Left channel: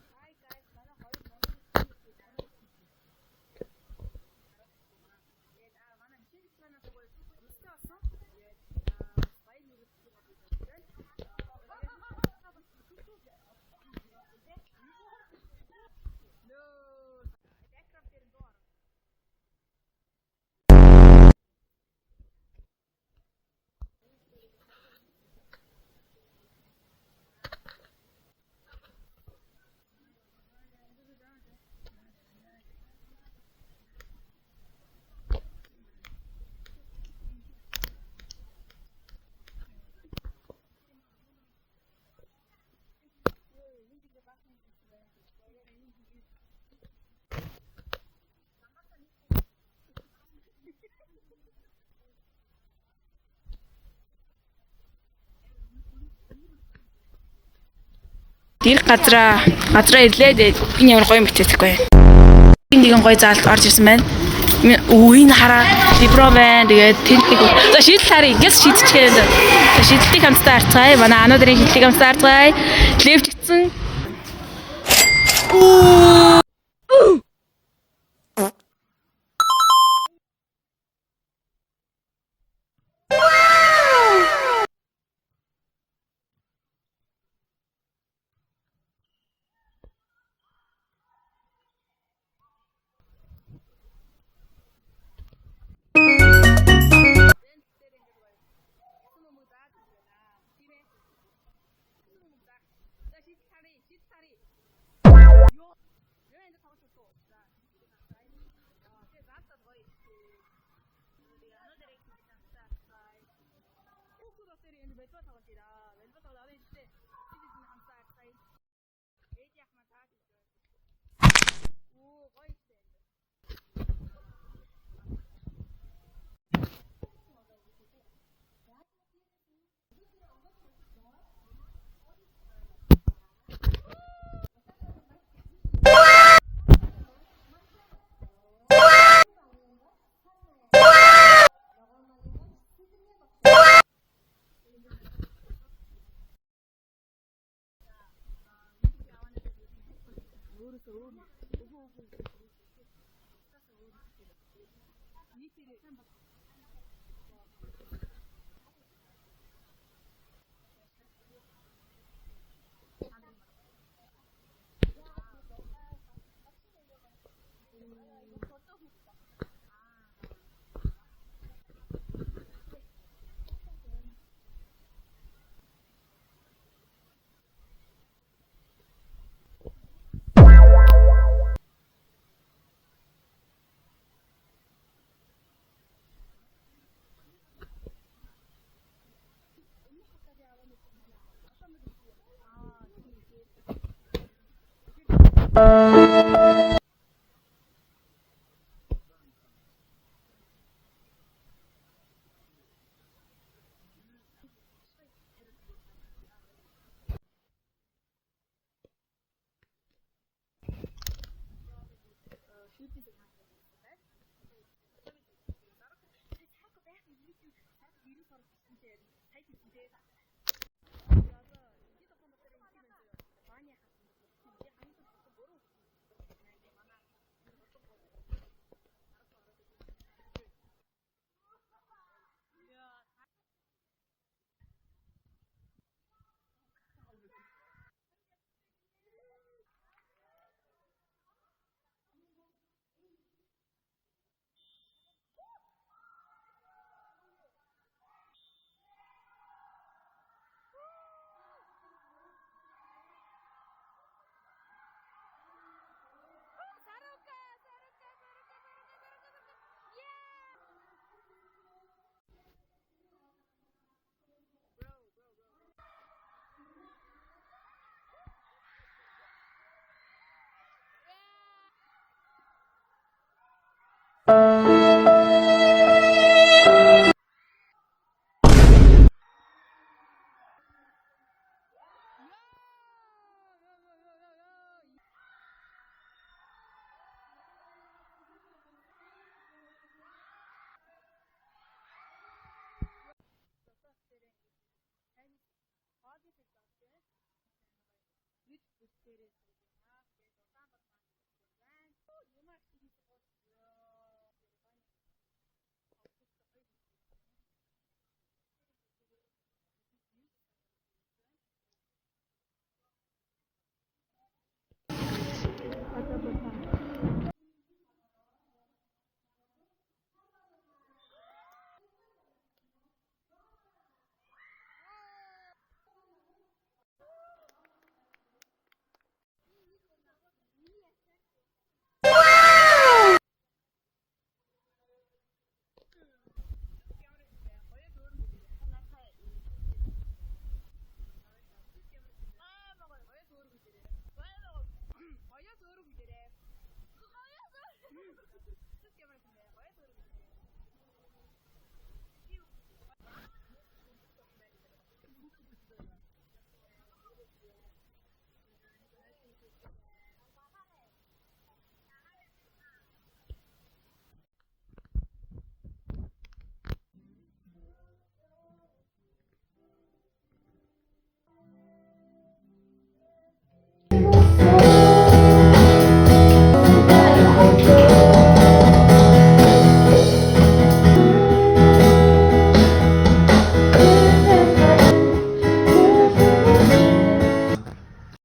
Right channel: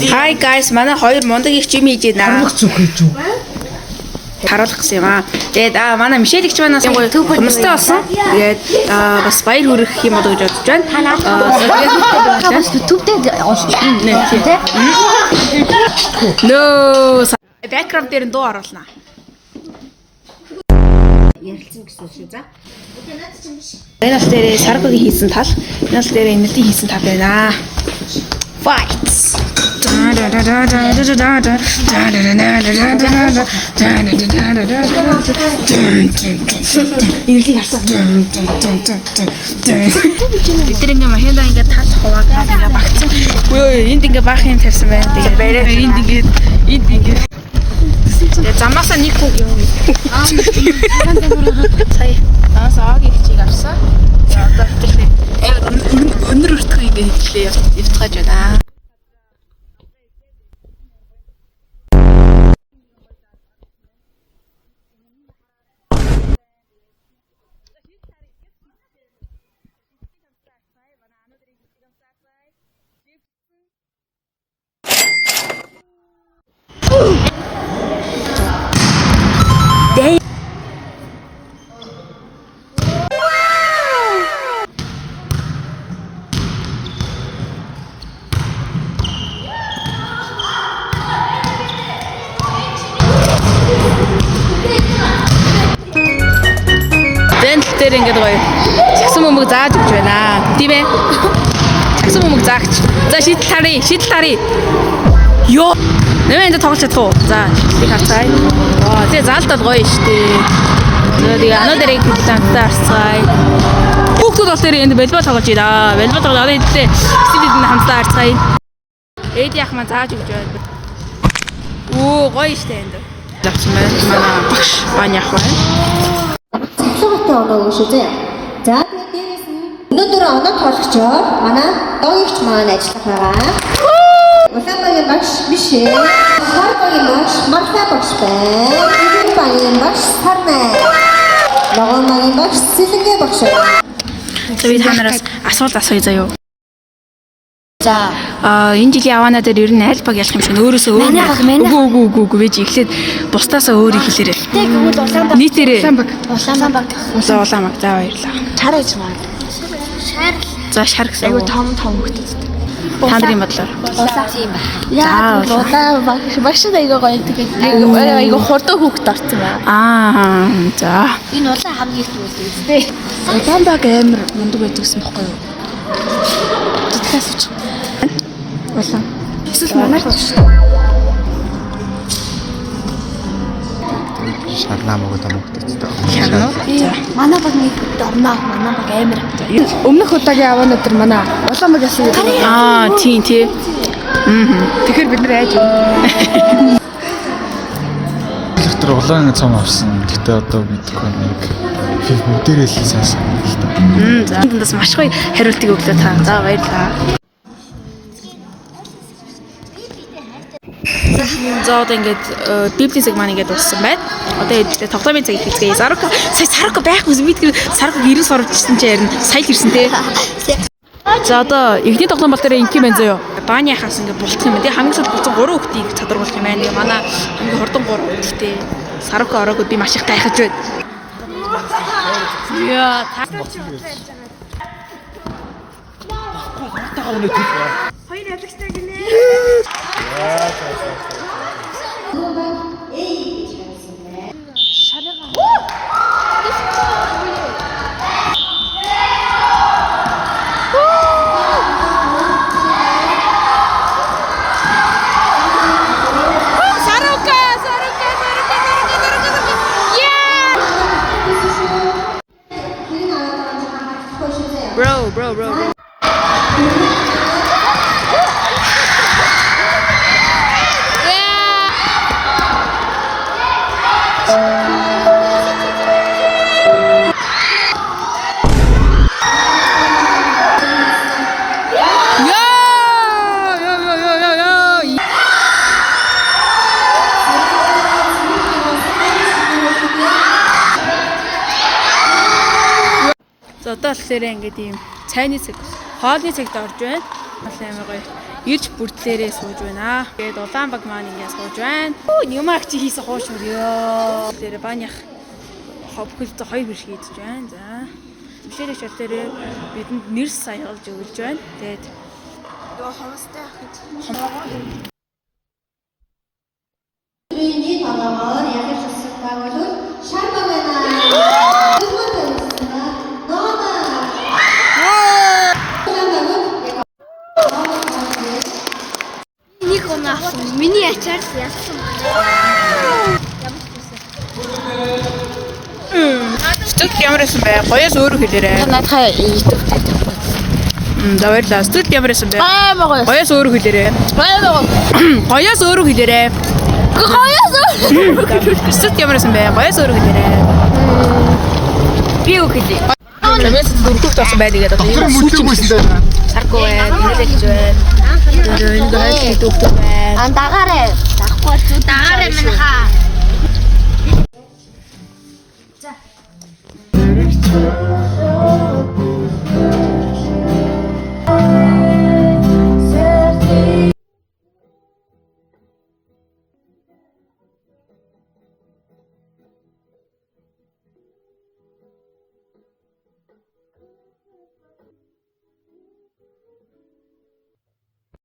Hi guys, манай хоёр мундаг их юм хийж байна. Харуулах гэсэн юм аа. Тэгээд манай Мишель игч манаас хүмүүстэй болсон. Тэгээд бас баяр хүрэх юм болоо гэж бодож байна. YouTube-д олсон тийм. Нөө background дээр нь дуу оруулна. Ярилцсан гэсэн шүү за. Энэ аль дээр Саркогийн хийсэн тал, энэ аль дээр энэтийн хийсэн тал байна. Fights. Ирлийг харсан. Бид ингээ махинда ингээ тал хуваагаад ингээ багцсан. Үгүй энд ингээ баах юм тавьсан байна. Тэгээ энд ингээ замаасаа нэг хүүг юм. Сая нас аагийн хичээг авсан. За одоо хэлээ. Өнөр өртгөө ингээ хэлээ явцгааж байна. Тэр газраа ирлээ. Энэ ямар гоё мэттэхгүй. Энд нэгэн гоё заалт орж ирсэн байна. Үеийн хараа либро байна. Тэгээд тэнтиг. За шийдэл харъя. Ингээс шийдчихээ. За шийдэлтийг хамтдаа харцгаая. Манай ануудын шийдэлтийг хамтдаа харцгаая. Левчгдсэн. Тэр ингээд гоё. Чагсан бөмбөг зааж өгч байна. Тийм ээ. Чагсан бөмбөг заагч. За шийдэл таръя. Йоо. Нэмээд тоглож чадах уу? За, шийдэлийг харцгаая. Тэгээ заалтад гоё штэ. Тэгээ ануудэрийг хэлтэнтэй харцгаая. Хүүхдүүд бол тэр энд волейбол тоглож байна. Волейбол тоглоод одоо эдтэй стилэд хамтдаа харцгаая. Эд яах маань зааж өгч байна. Гоё штэ энд. Завсан байна. Манай багш бань яах байна. Оноо өгшөө. За тэгээд дээрээс нь өнөөдөр оноо тоологчоор манай догч маань ажиллах байгаа. Улаанбагийн багш биш ээ. Сарбагийн багш Марта багш байна. Улаанбагийн багш Сарнаа. Логомагийн багш Сэлэнгэ багш. Тэгээд та нараас асуулт асууя заяа. За энэ жилийн аваанаа дээр ер нь аль баг ялах юм шиг өөрөөсөө үгүй вэж эхлээд бусдаасаа өөрийг хэлээрэй. тэгвэл улаан баг. Нийтээрээ Улаан баг. улаан баг за баярлаа. Шар гэж маань. Шар. За шар гэсэн. Айгу том хөлтэй. Та нарын бодлоор. Улаан юм байна. Яа, улаан багшд айгу гоё тэгээд айгу хурдан хүүхд орсон байна. За. Энэ улаан хамгийн их үстэй. Улаан баг амар мундаг байдаг гэсэн бохгүй юу? Тэтгэс үуч. Улаан. Эсвэл манайх шүү. Шарнаа мөгөд амгтайцтай. Шарнаа. Манай баг нэг орноо. Манай баг амар. Өмнөх удаагийн аваа өдөр манай улаан баг ясан. Тийм. Тэгэхээр бид нар айж Тэр улаан цом авсан. Гэтэ одоо мэдгүй нэг бүгдээрээ л сайсан л та. За. Эндээс маш гоё хариултыг өглөө та. За баярлалаа. За одоо ингээд библийн цаг маань ингээд дууссан байна. Одоо тоглоомын цаг хийцгээе. Сарко байхгүй юм бид Сарко 90 сурвчсан чи ярина. Сая л ирсэн те. За одоо ихний тоглоом бол тэр инки байна заяа. Бааны хаас ингээд бултах юм. Тэгээ хамгийн сүүлд буцсан 3 хүүхдийг чадваргуулах юм байна. Манай хамгийн хурдан 3 хүүхдтэй Сарко ороог би маш их гайхаж байна. Яа, хоёр ялагчтай гинэ. Bro. За одоо болохоор ингээд ийм цайны цаг, хоолны цагт орж байна. Амар гоё. Ирж бүрдлээрээ сууж байна. Тэгээд Улаанбаг маань ингээд сууж байна. Нямаг чи хийсэн хоош өрөө. Тэр банях ховхөлд 2 биш хийдэж байна. За. Бишээрч дээр бидэнд нэрс саялж өгүүлж байна. Тэгээд ёо хомстой ахиж. Бидний тоглоомоор ялж өгсөн баг бол шарбаг байна. Нэг оноо авсан. Миний ачаар ялсан. Студ ямарсан бай. Гоёс өөрөө хэлээрэй. Надхаа YouTube дээр. За баярлалаа. Студ ямарсан бай. Баймаа гоё. Гоёс өөрөө хэлээрэй. Баймаа гоё. Гоёс өөрөө хэлээрэй. Гоёс. Студ ямарсан бай. Гоёс өөрөө хэлээрэй. Би үг хэлээ. Чамээс дөрөвт тоосон байдаг одоо. Тэр мөрлөггүйсэн дээ. Саргүй байна. Инээлж байна. Тэр энэ гайхалтай дөрөвт байна. Андагаарэ. Дахгүй дагараа минь хаа.